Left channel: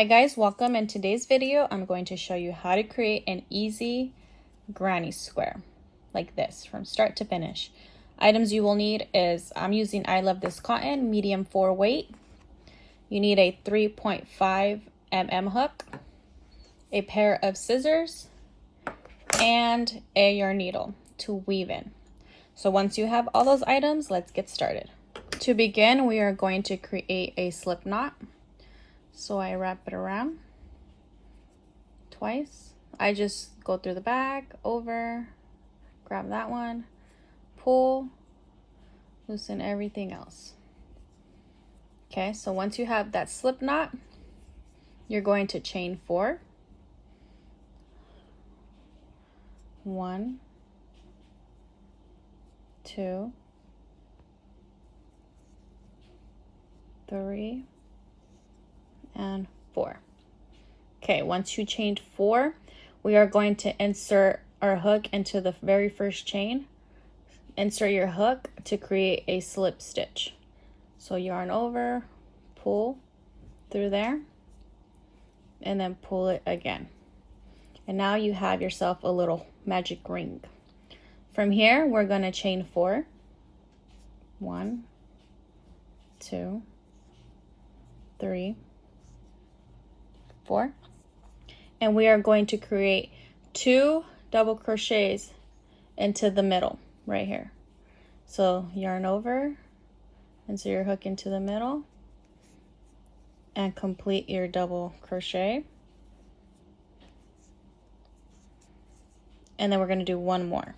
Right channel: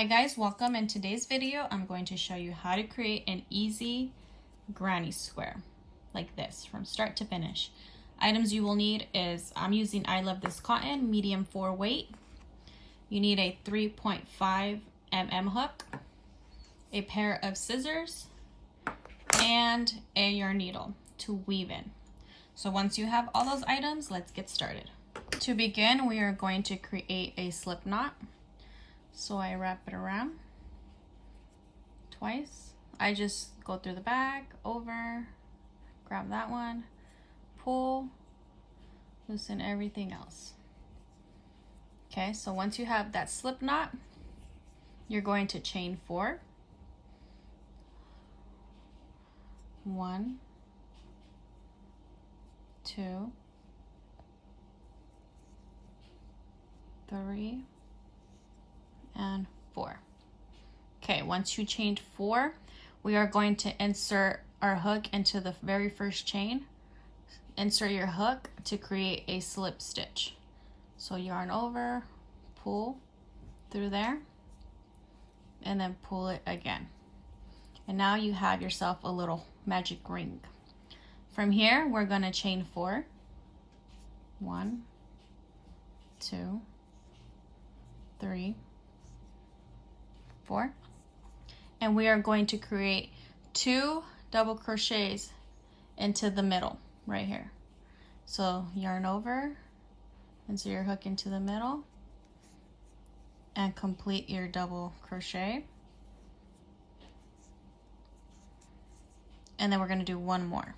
Hi guys, welcome. In today's video, I'm going to show you how to create an easy granny square like this from start to finish. Items you will need is, I'm using I Love This Cotton, medium 4 weight. You need a 3.5 mm hook, a pair of scissors, and a yarn needle to weave in. So once you have all those items, let's get started. To begin, we are going to create a slip knot. So I wrap it around twice. I just go through the back, over, grab that one, pull, loosen everything else. Okay, so once you have that slip knot, you're going to chain 4. 1, 2, 3, and 4. Okay, once you chained 4, we are going to insert our hook into the very first chain. Insert your hook to create a slip stitch. So yarn over, pull through there, and then pull it again. And now you have yourself a little magic ring. From here, we're going to chain 4. 1, 2, 3, 4, and we are going to create 2 double crochets into the middle right here. So yarn over, insert your hook into the middle, and complete your double crochet. And then we're going to do one more.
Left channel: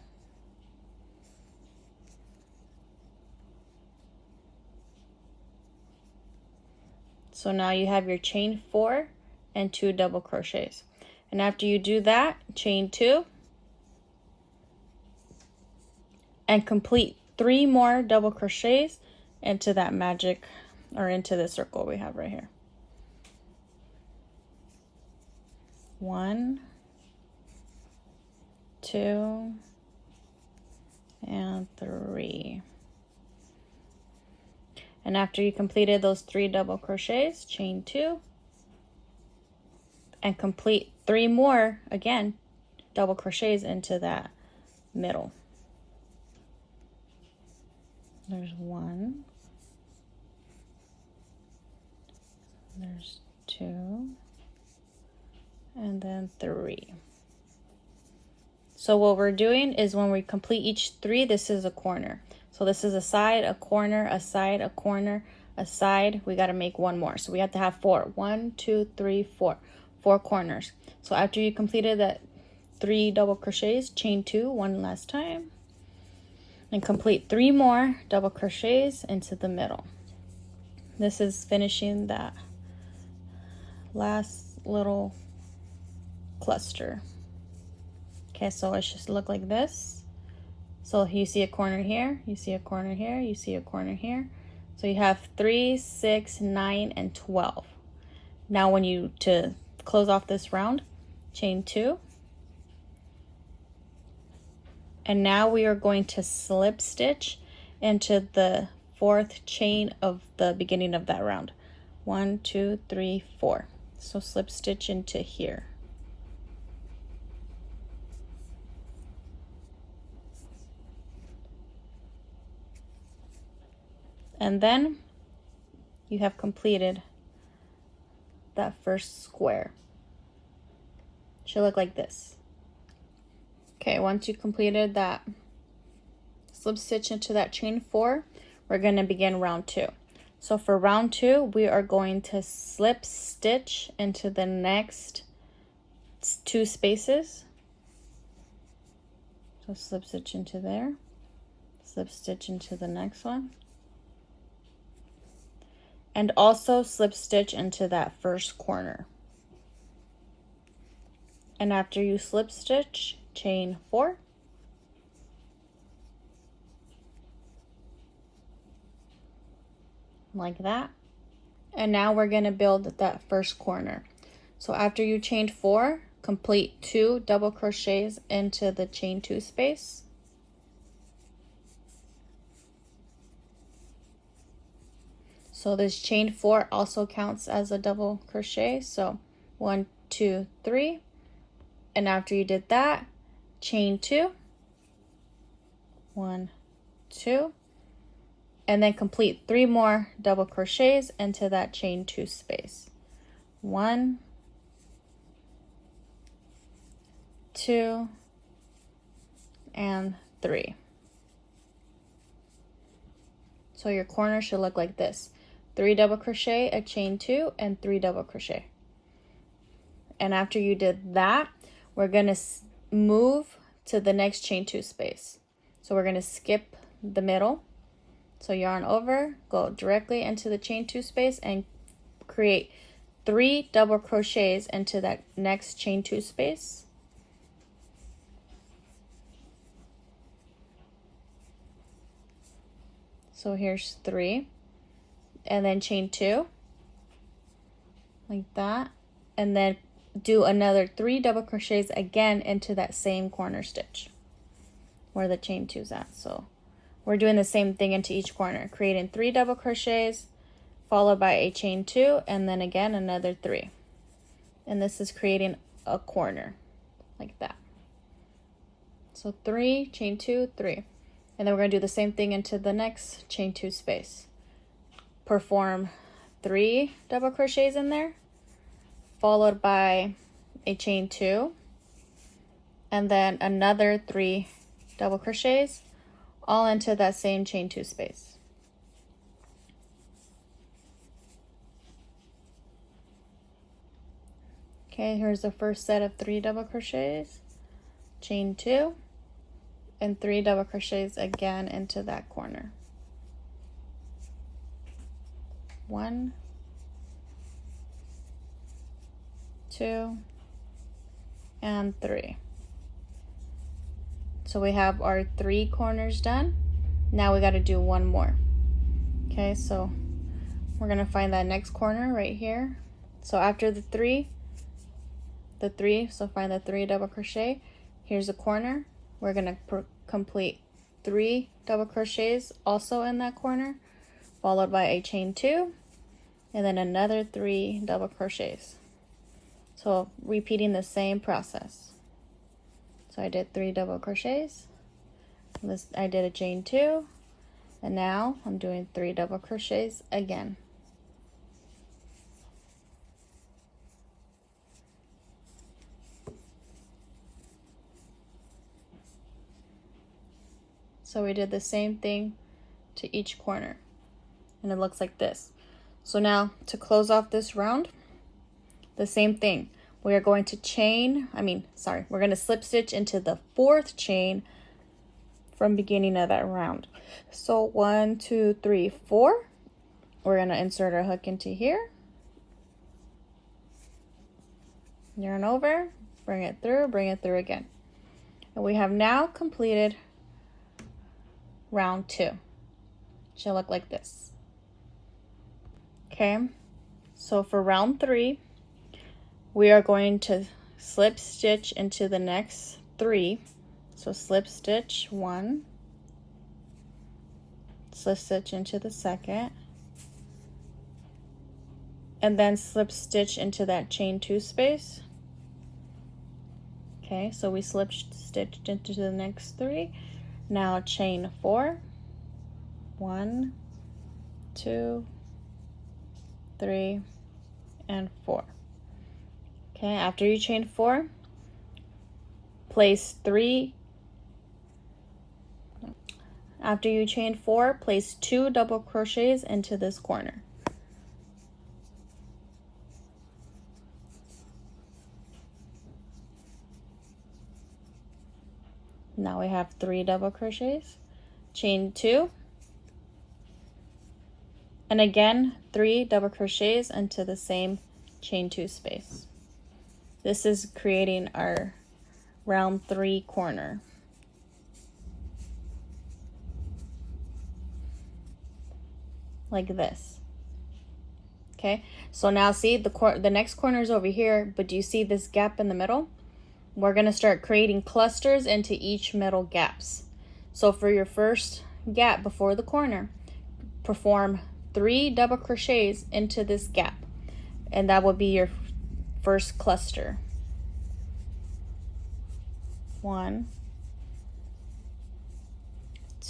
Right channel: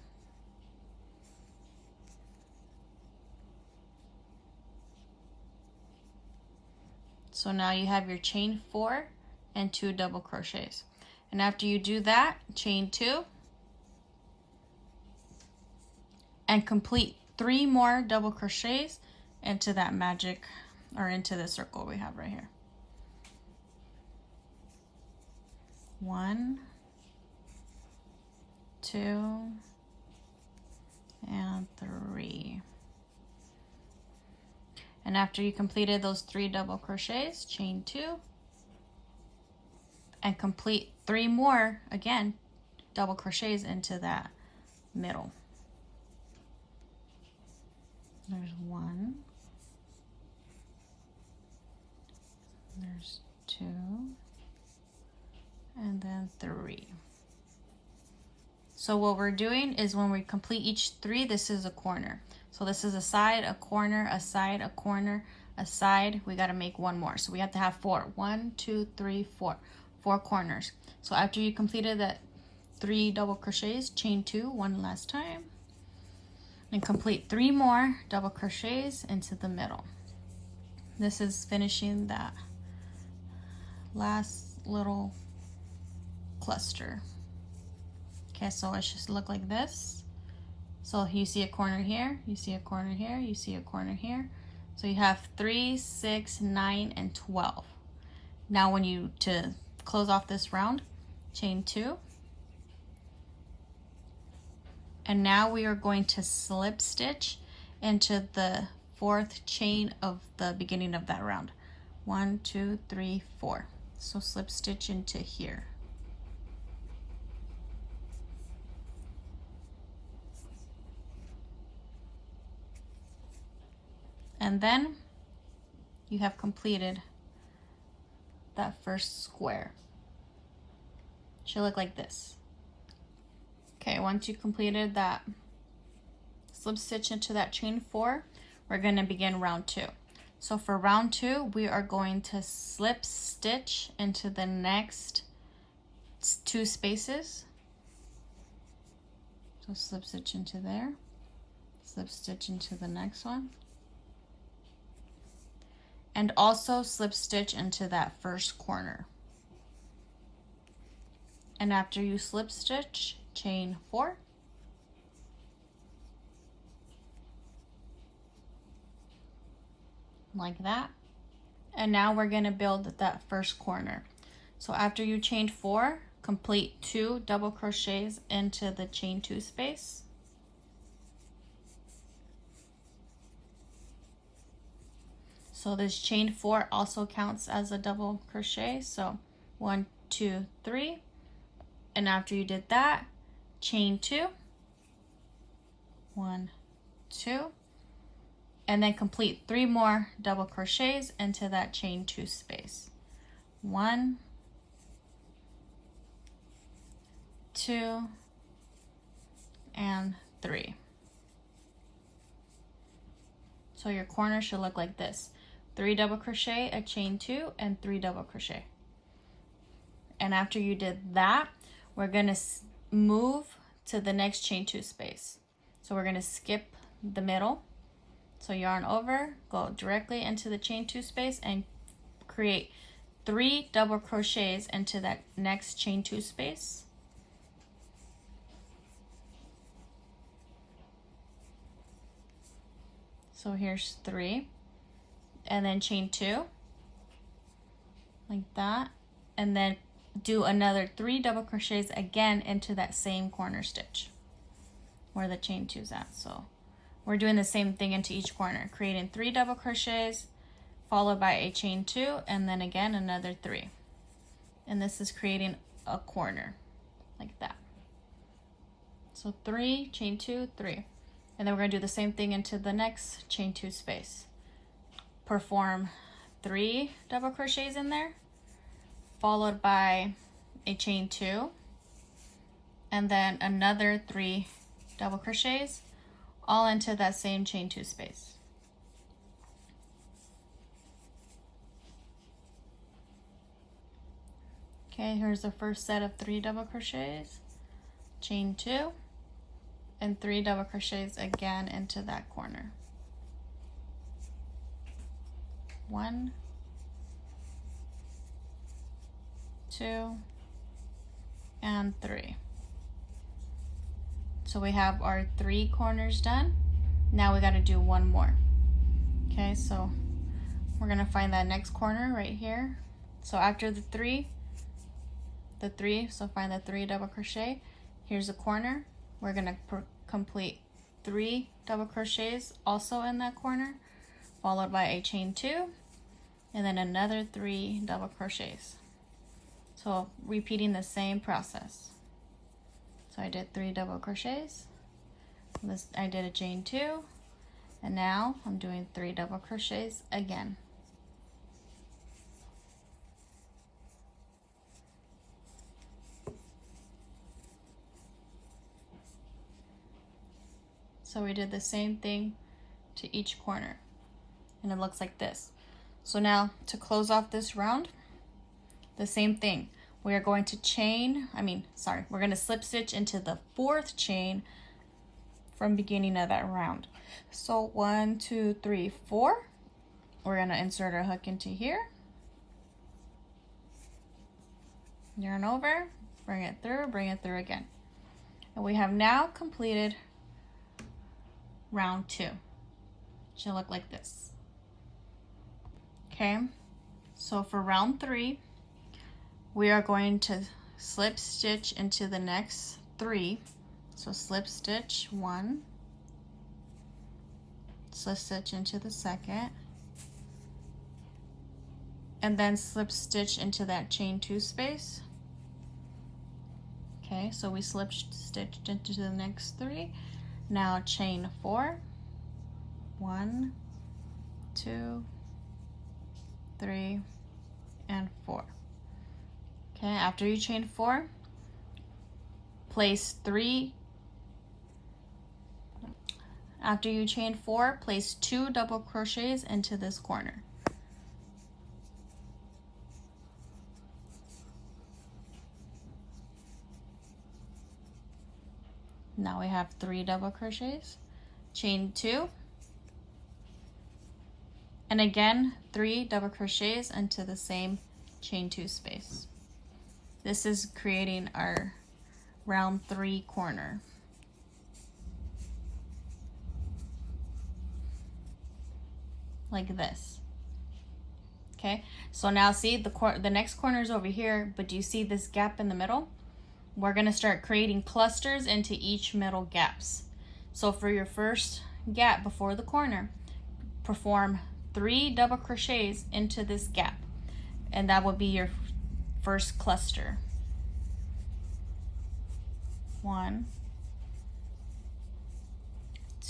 So now you have your chain 4 and 2 double crochets. And after you do that, chain 2 and complete 3 more double crochets into that magic, or into the circle we have right here. 1, 2, and 3. And after you completed those 3 double crochets, chain 2 and complete 3 more, again, double crochets into that middle. There's 1, there's 2, and then 3. So what we're doing is when we complete each 3, this is a corner. So this is a side, a corner, a side, a corner, a side. We got to make 1 more. So we have to have 4. 1, 2, 3, 4. 4 corners. So after you completed that 3 double crochets, chain 2 one last time and complete 3 more double crochets into the middle. This is finishing that last little cluster. Okay, so it should look like this. So you see a corner here, you see a corner here, you see a corner here. So you have 3, 6, 9, and 12. Now when you, to close off this round, chain 2. And now we are going to slip stitch into the 4th chain of the beginning of that round. 1, 2, 3, 4. So slip stitch into here. And then you have completed that first square. Should look like this. Okay, once you completed that slip stitch into that chain 4, we're going to begin round 2. So for round 2, we are going to slip stitch into the next 2 spaces. So slip stitch into there, slip stitch into the next one, and also slip stitch into that first corner. And after you slip stitch, chain 4, like that. And now we're going to build that first corner. So after you chain 4, complete 2 double crochets into the chain 2 space. So this chain 4 also counts as a double crochet. So 1, 2, 3. And after you did that, chain 2. 1, 2. And then complete 3 more double crochets into that chain 2 space. 1, 2, and 3. So your corner should look like this. 3 double crochet, a chain 2, and 3 double crochet. And after you did that, we're gonna move to the next chain 2 space. So we're gonna skip the middle. So yarn over, go directly into the chain 2 space and create 3 double crochets into that next chain 2 space. So here's 3, and then chain 2, like that, and then do another 3 double crochets again into that same corner stitch where the chain 2 is at. So we're doing the same thing into each corner, creating 3 double crochets followed by a chain 2, and then again another 3. And this is creating a corner like that. So 3, chain 2, 3. And then we're going to do the same thing into the next chain 2 space. Perform 3 double crochets in there, followed by a chain 2, and then another 3 double crochets, all into that same chain 2 space. Okay, here's the first set of 3 double crochets, chain 2, and 3 double crochets again into that corner. 1, 2, and 3. So we have our 3 corners done. Now we got to do one more. Okay, so we're gonna find that next corner right here. So after the three, so find the 3 double crochet. Here's a corner. We're gonna complete 3 double crochets also in that corner, followed by a chain 2, and then another 3 double crochets. So repeating the same process. So I did 3 double crochets. I did a chain 2, and now I'm doing 3 double crochets again. So we did the same thing to each corner, and it looks like this. So now to close off this round, the same thing. We are going to we're going to slip stitch into the 4th chain from beginning of that round. So 1, 2, 3, 4. We're going to insert our hook into here. Yarn over, bring it through again. And we have now completed round 2. Should look like this. Okay, so for round 3, we are going to slip stitch into the next 3. So slip stitch 1, slip stitch into the 2nd, and then slip stitch into that chain 2 space. Okay, so we slip stitched into the next 3. Now chain 4, 1, 2, 3, and 4. Okay, after you chain 4, place 3. After you chain 4, place 2 double crochets into this corner. Now we have 3 double crochets, chain 2, and again 3 double crochets into the same chain 2 space. This is creating our round 3 corner. Like this. Okay, so now see the next corner is over here, but do you see this gap in the middle? We're going to start creating clusters into each middle gaps. So for your first gap before the corner, perform 3 double crochets into this gap, and that will be your first cluster. 1,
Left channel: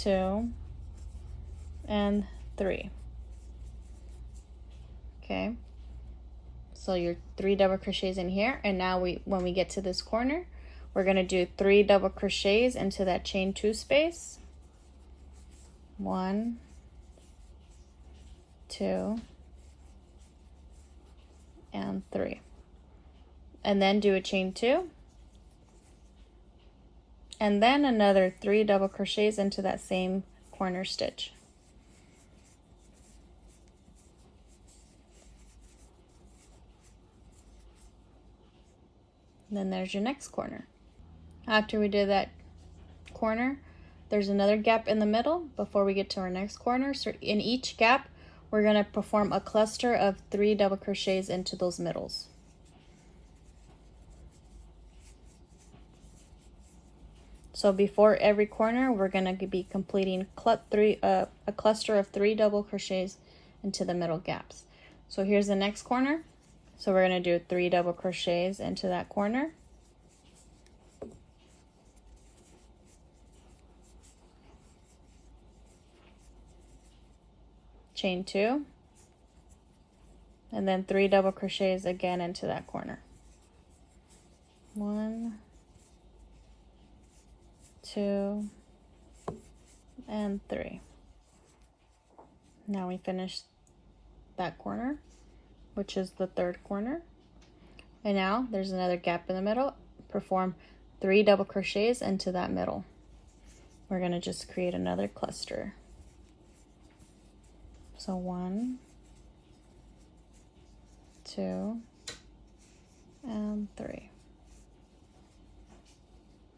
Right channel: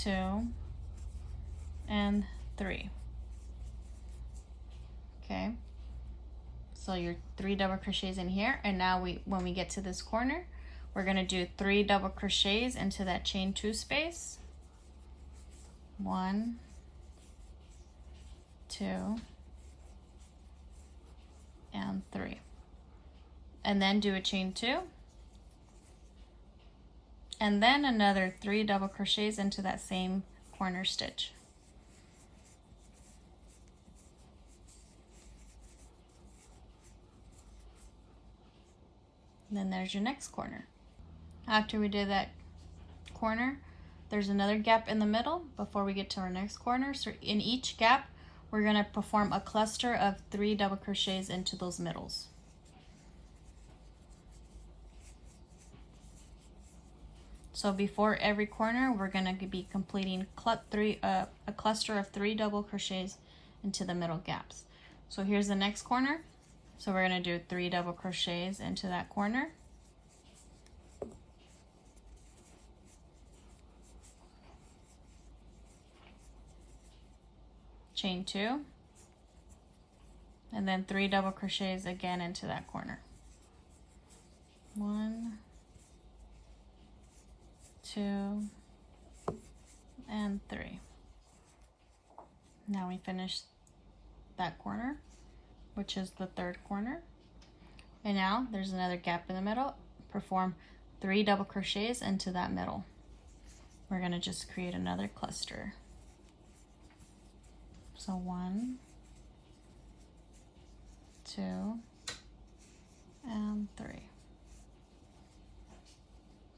2, and 3. Okay, so your 3 double crochets in here, and now when we get to this corner, we're going to do 3 double crochets into that chain 2 space. 1, 2, and 3. And then do a chain 2. And then another 3 double crochets into that same corner stitch. And then there's your next corner. After we did that corner, there's another gap in the middle before we get to our next corner. So in each gap, we're going to perform a cluster of 3 double crochets into those middles. So before every corner, we're going to be completing a cluster of 3 double crochets into the middle gaps. So here's the next corner. So we're going to do 3 double crochets into that corner. Chain 2, and then 3 double crochets again into that corner. 1, 2, and 3. Now we finish that corner, which is the third corner. And now there's another gap in the middle. Perform 3 double crochets into that middle. We're going to just create another cluster. So 1, 2, and 3.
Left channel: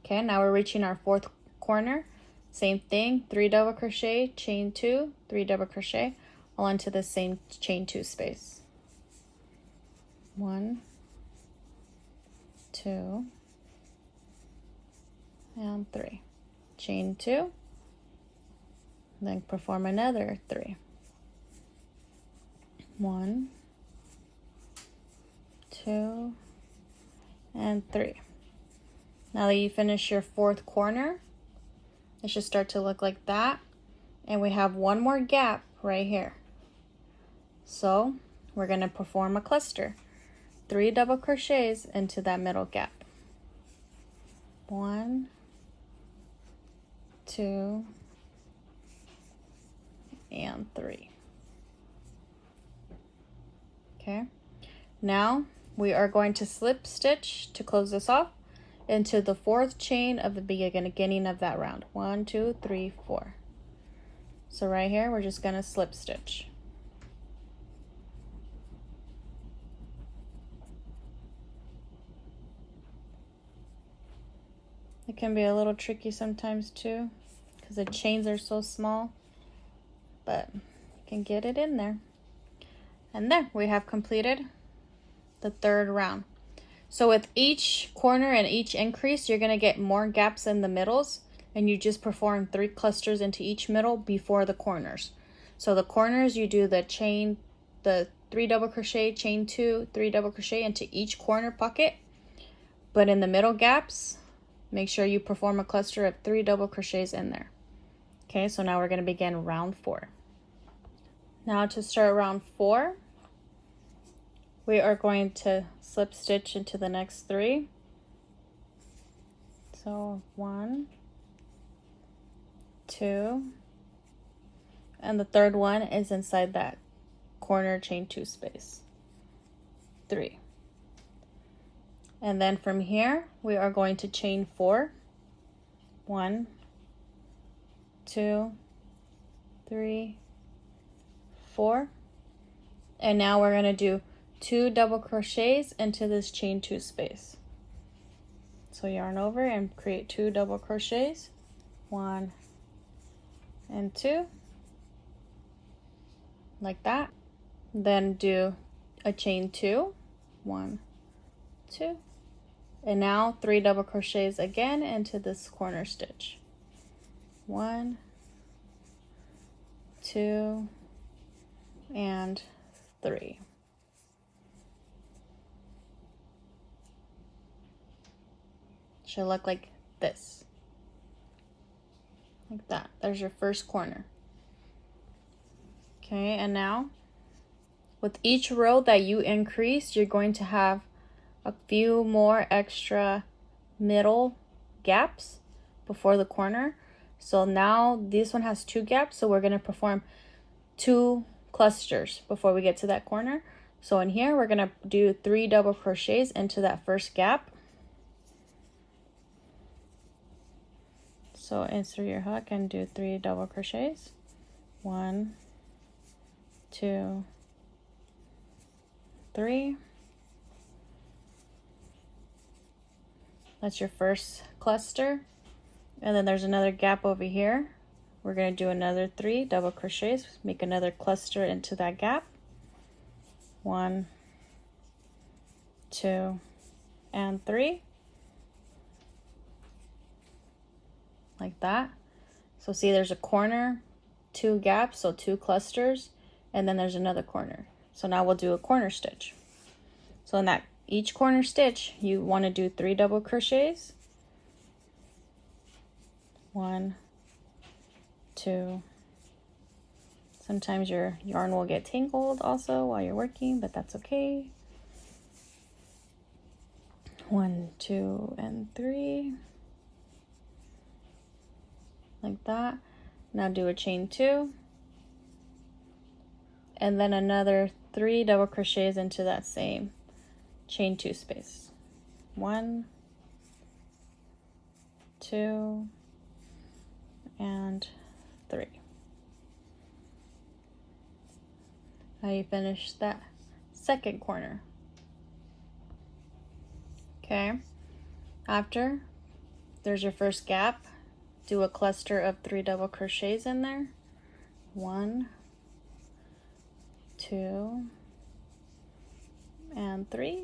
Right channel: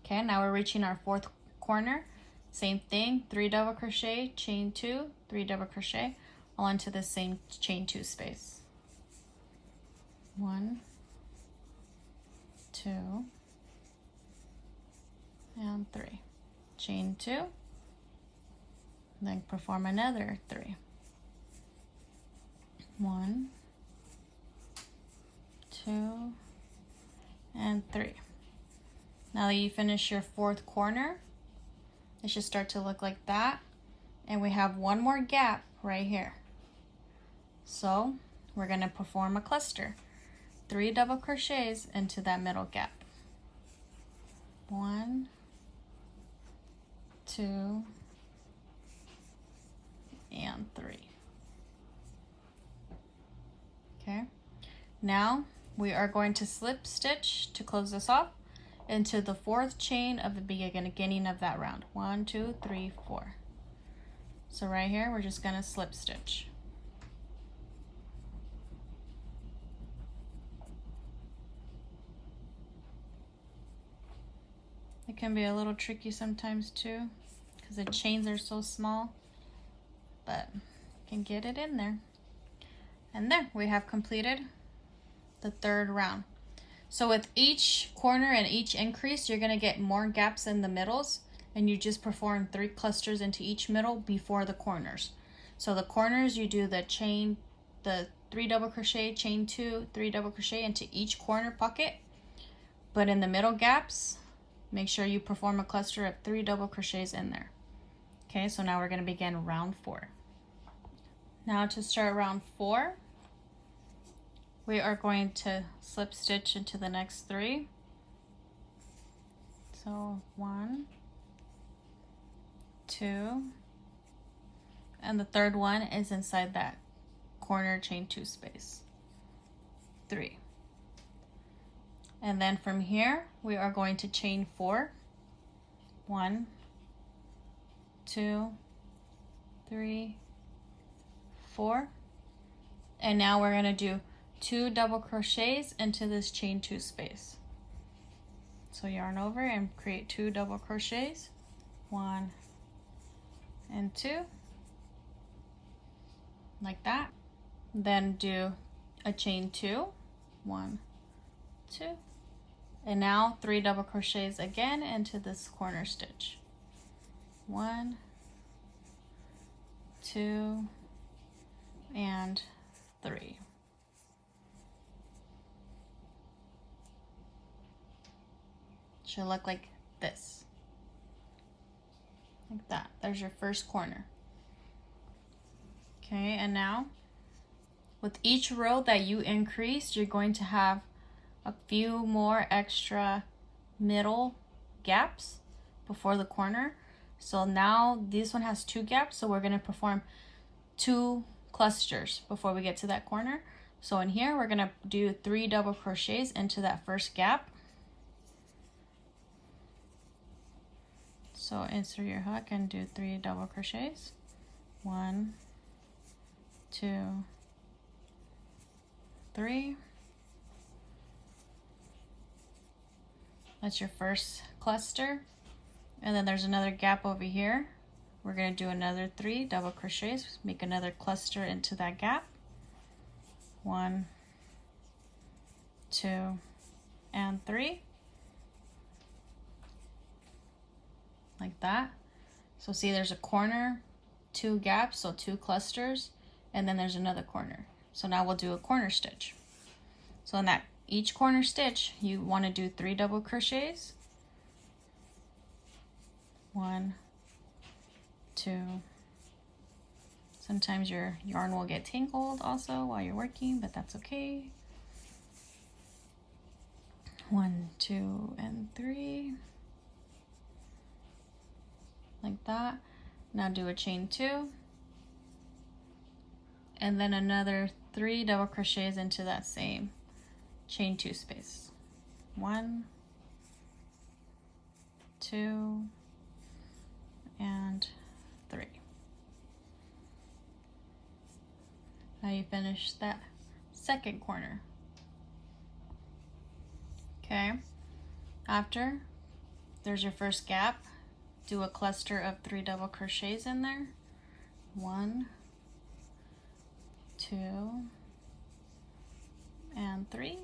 Okay, now we're reaching our fourth corner. Same thing, 3 double crochet, chain 2, 3 double crochet, all into the same chain 2 space. 1, 2, and 3. Chain 2, then perform another 3. 1, 2, and 3. Now that you finish your fourth corner, it should start to look like that. And we have one more gap right here. So we're going to perform a cluster. 3 double crochets into that middle gap. 1, 2, and 3. Okay, now we are going to slip stitch to close this off into the fourth chain of the beginning of that round. 1, 2, 3, 4. So right here, we're just going to slip stitch. It can be a little tricky sometimes too, because the chains are so small, but you can get it in there. And there, we have completed the third round. So with each corner and each increase, you're gonna get more gaps in the middles, and you just perform 3 clusters into each middle before the corners. So the corners, you do the 3 double crochet, chain 2, 3 double crochet into each corner pocket. But in the middle gaps, make sure you perform a cluster of 3 double crochets in there. Okay, so now we're gonna begin round 4. Now to start round 4, we are going to slip stitch into the next 3. So 1, 2, and the third one is inside that corner chain 2 space. 3. And then from here, we are going to chain 4. 1, 2, 3, 4. And now we're going to do 2 double crochets into this chain 2 space. So yarn over and create 2 double crochets. 1 and 2. Like that. Then do a chain 2. 1, 2. And now 3 double crochets again into this corner stitch. 1, 2, and 3. Should look like this. Like that. There's your first corner. Okay, and now with each row that you increase, you're going to have a few more extra middle gaps before the corner. So now this one has 2 gaps, so we're going to perform 2 clusters before we get to that corner. So in here we're going to do 3 double crochets into that first gap. So insert your hook and do 3 double crochets. 1, 2, 3. That's your first cluster. And then there's another gap over here. We're going to do another 3 double crochets, make another cluster into that gap. 1, 2, and 3. Like that. So see, there's a corner, 2 gaps, so 2 clusters, and then there's another corner. So now we'll do a corner stitch. So in that each corner stitch, you want to do 3 double crochets. 1, 2. Sometimes your yarn will get tangled also while you're working, but that's okay. 1, 2, and 3. Like that. Now do a chain 2. And then another 3 double crochets into that same chain 2 space. 1, 2, and 3. Now you finish that second corner. Okay, after there's your first gap, do a cluster of 3 double crochets in there. 1, 2, and 3.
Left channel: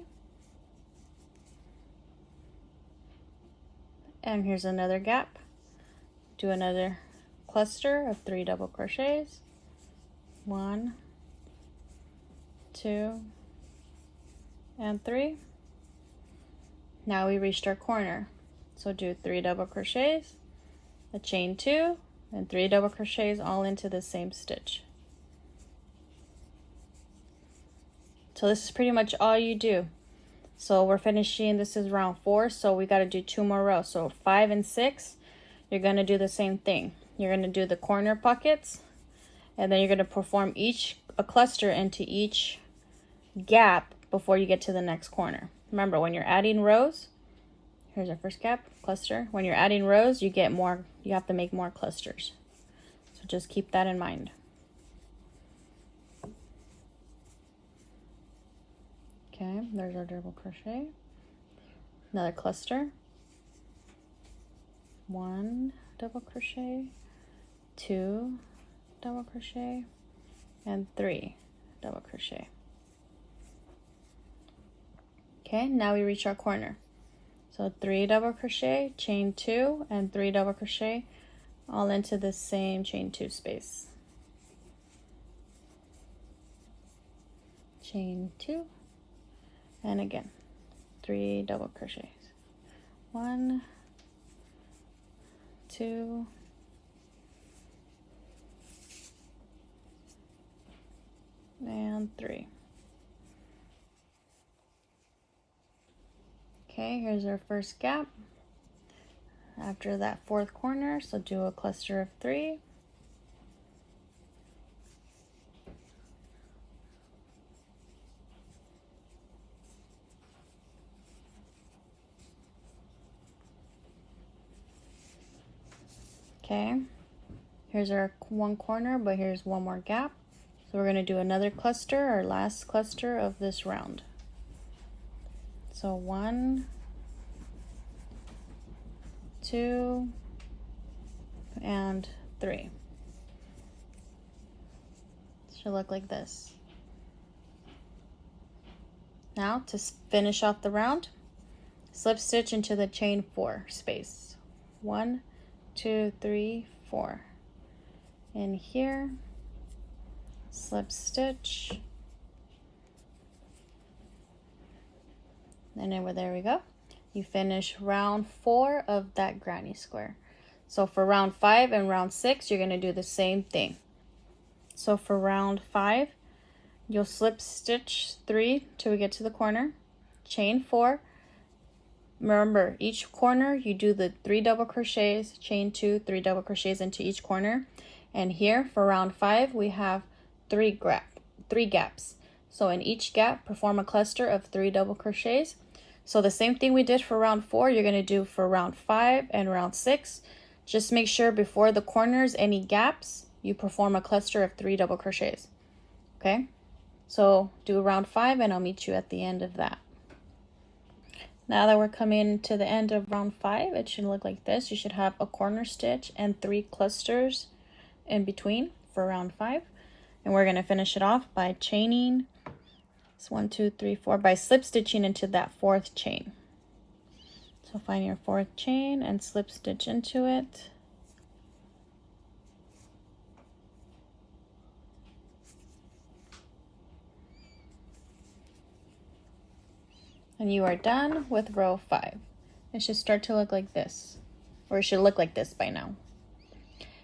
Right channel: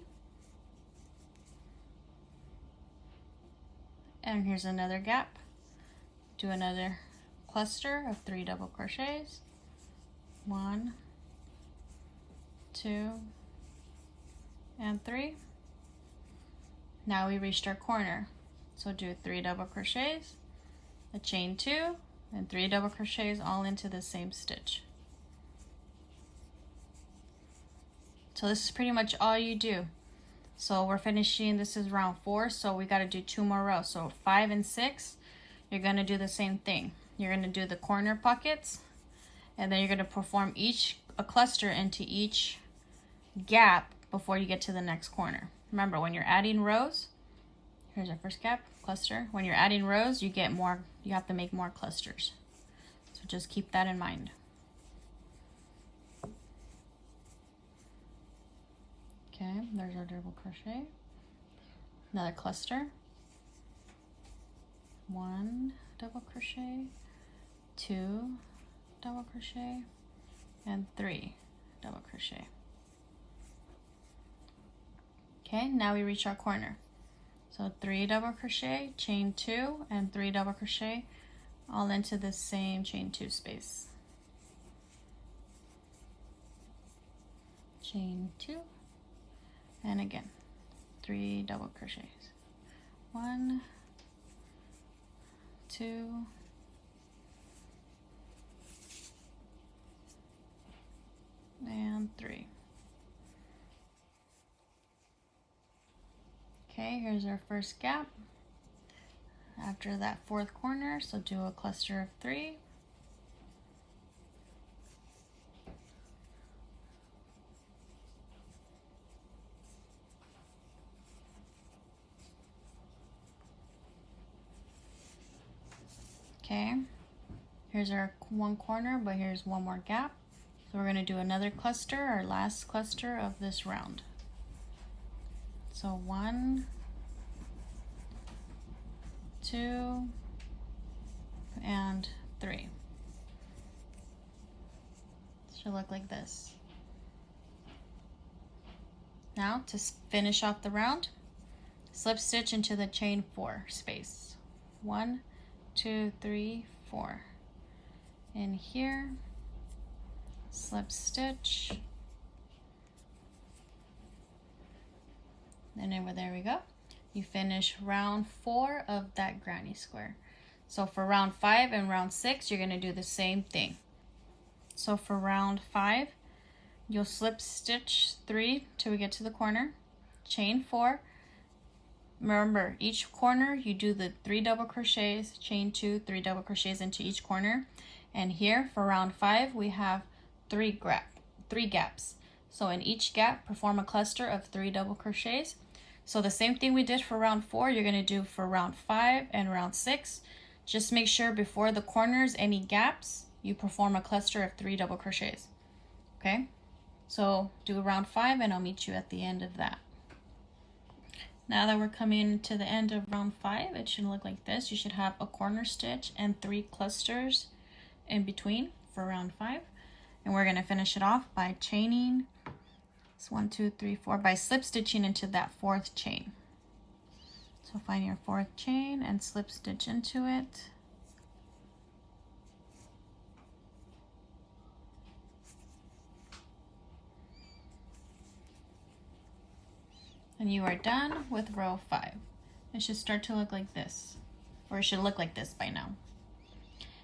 And here's another gap. Do another cluster of 3 double crochets. 1, 2, and 3. Now we reached our corner. So do 3 double crochets, a chain 2, and 3 double crochets all into the same stitch. So this is pretty much all you do. So we're finishing, this is round 4, so we got to do 2 more rows. So 5 and 6, you're going to do the same thing. You're going to do the corner pockets, and then you're going to perform a cluster into each gap before you get to the next corner. Remember, when you're adding rows, here's our first gap, cluster. When you're adding rows, you have to make more clusters. So just keep that in mind. Okay, there's our double crochet. Another cluster. 1 double crochet, 2 double crochet, and 3 double crochet. Okay, now we reach our corner. So 3 double crochet, chain 2, and 3 double crochet all into the same chain 2 space. Chain 2, and again 3 double crochets. 1, 2, and 3. Okay, here's our first gap after that 4th corner, so do a cluster of 3. Okay, here's our 1 corner, but here's 1 more gap. So we're going to do another cluster, our last cluster of this round. So 1, 2, and 3. Should look like this. Now to finish off the round, slip stitch into the chain 4 space. 1, 2, 3, 4. In here, slip stitch, and then there we go. You finish round 4 of that granny square. So for round 5 and round 6, you're going to do the same thing. So for round 5, you'll slip stitch 3 till we get to the corner, chain 4. Remember, each corner you do the 3 double crochets, chain 2, 3 double crochets into each corner. And here for round 5, we have 3 gaps. So in each gap, perform a cluster of 3 double crochets. So the same thing we did for round 4, you're going to do for round 5 and round 6. Just make sure before the corners, any gaps, you perform a cluster of 3 double crochets. Okay, so do round 5 and I'll meet you at the end of that. Now that we're coming to the end of round 5, it should look like this. You should have a corner stitch and 3 clusters in between for round 5. And we're going to finish it off by chaining. It's 1, 2, 3, 4, by slip stitching into that 4th chain. So find your 4th chain and slip stitch into it. And you are done with row 5. It should start to look like this, or it should look like this by now.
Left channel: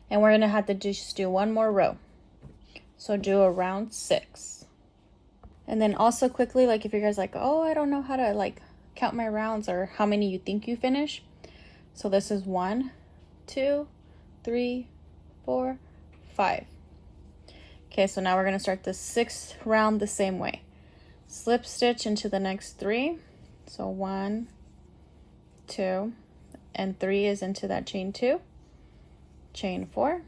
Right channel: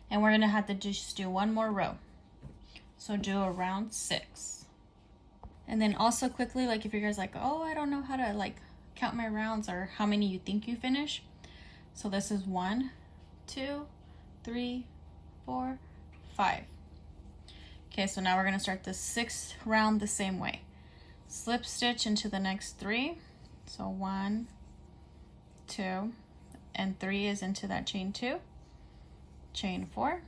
And we're gonna have to just do one more row. So do a round 6. And then also quickly, like if you guys like, oh, I don't know how to like count my rounds or how many you think you finish. So this is 1, 2, 3, 4, 5. Okay, so now we're gonna start the 6th round the same way. Slip stitch into the next 3. So 1, 2, and 3 is into that chain 2, chain 4.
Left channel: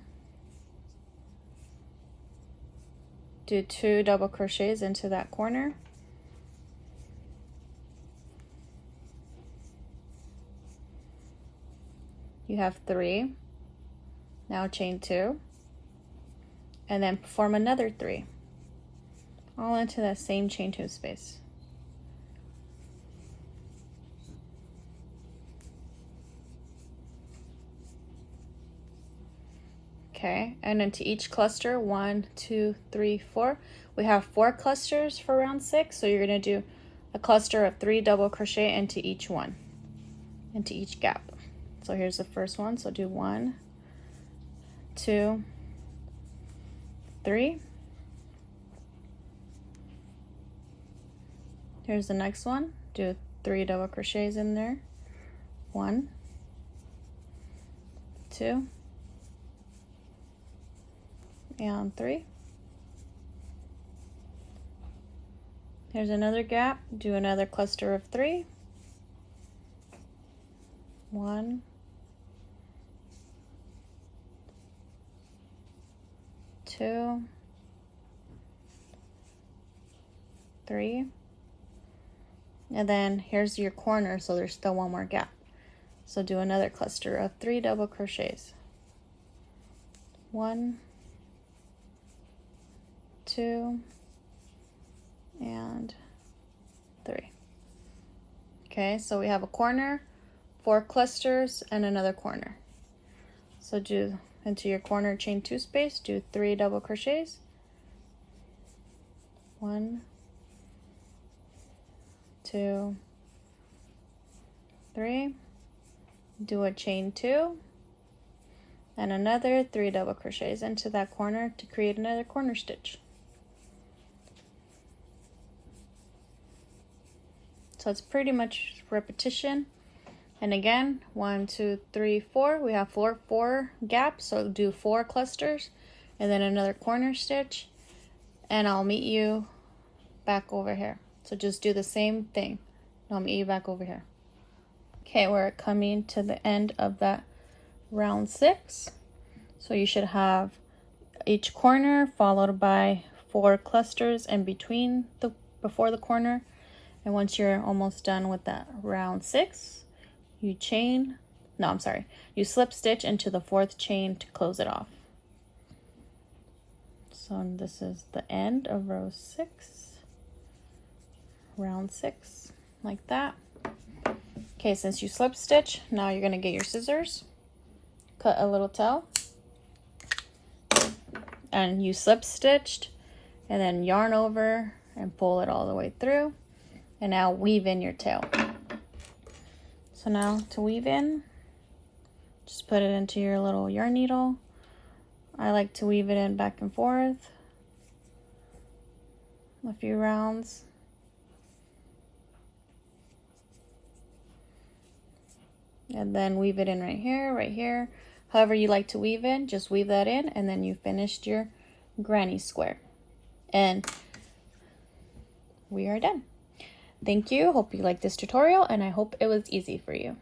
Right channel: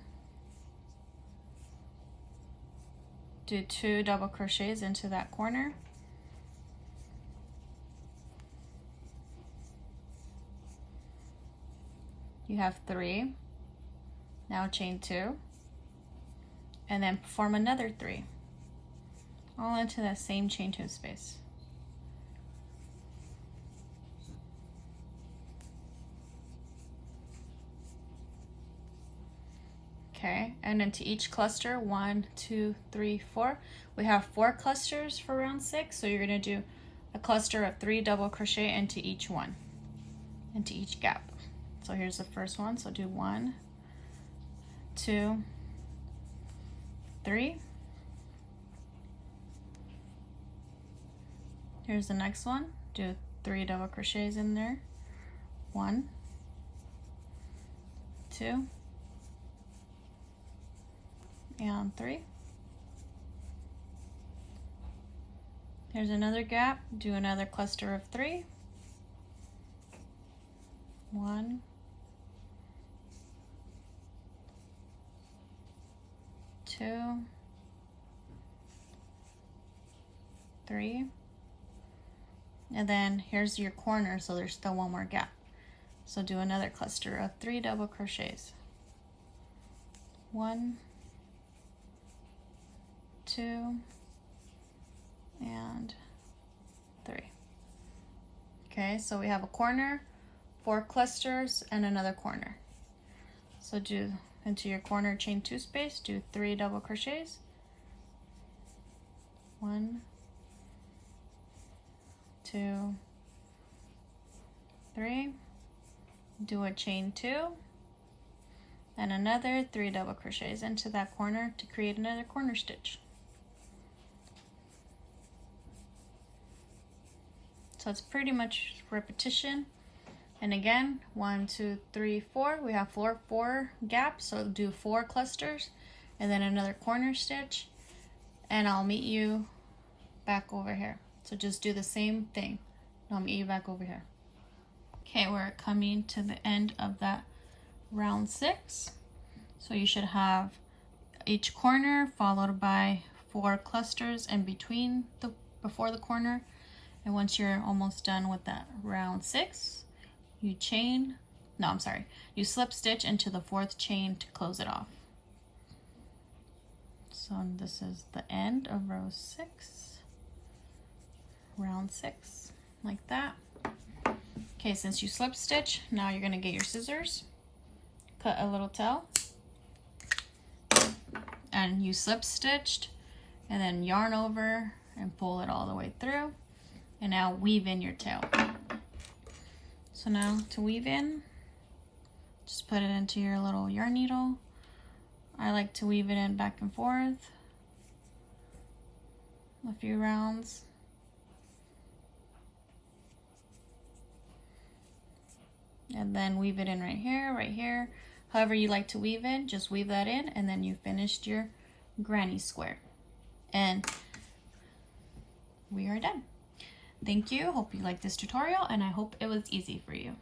Do 2 double crochets into that corner. You have 3. Now chain 2, and then perform another 3, all into that same chain 2 space. Okay, and into each cluster, 1, 2, 3, 4. We have 4 clusters for round 6, so you're gonna do a cluster of 3 double crochet into each one, into each gap. So here's the first one, so do 1, 2, 3. Here's the next one, do 3 double crochets in there, 1, 2, and 3. Here's another gap, do another cluster of 3, 1, 2, 3, and then here's your corner, so there's still one more gap. So do another cluster of 3 double crochets, 1, 2, and 3. Okay, so we have a corner, 4 clusters, and another corner. So do into your corner chain 2 space, do 3 double crochets, 1, 2, 3, do a chain 2, and another 3 double crochets into that corner to create another corner stitch. So it's pretty much repetition. And again, 1, 2, 3, 4. We have four gaps, so do 4 clusters and then another corner stitch. And I'll meet you back over here. So just do the same thing. I'll meet you back over here. Okay, we're coming to the end of that round 6. So you should have each corner followed by 4 clusters in between before the corner. And once you're almost done with that round 6, you slip stitch into the 4th chain to close it off. So this is the end of row 6, round 6, like that. Okay, since you slip stitch, now you're gonna get your scissors, cut a little tail, and you slip stitched and then yarn over and pull it all the way through. And now weave in your tail. So now to weave in, just put it into your little yarn needle. I like to weave it in back and forth a few rounds. And then weave it in right here. However you like to weave in, just weave that in, and then you finished your granny square. And we are done. Thank you. Hope you liked this tutorial, and I hope it was easy for you.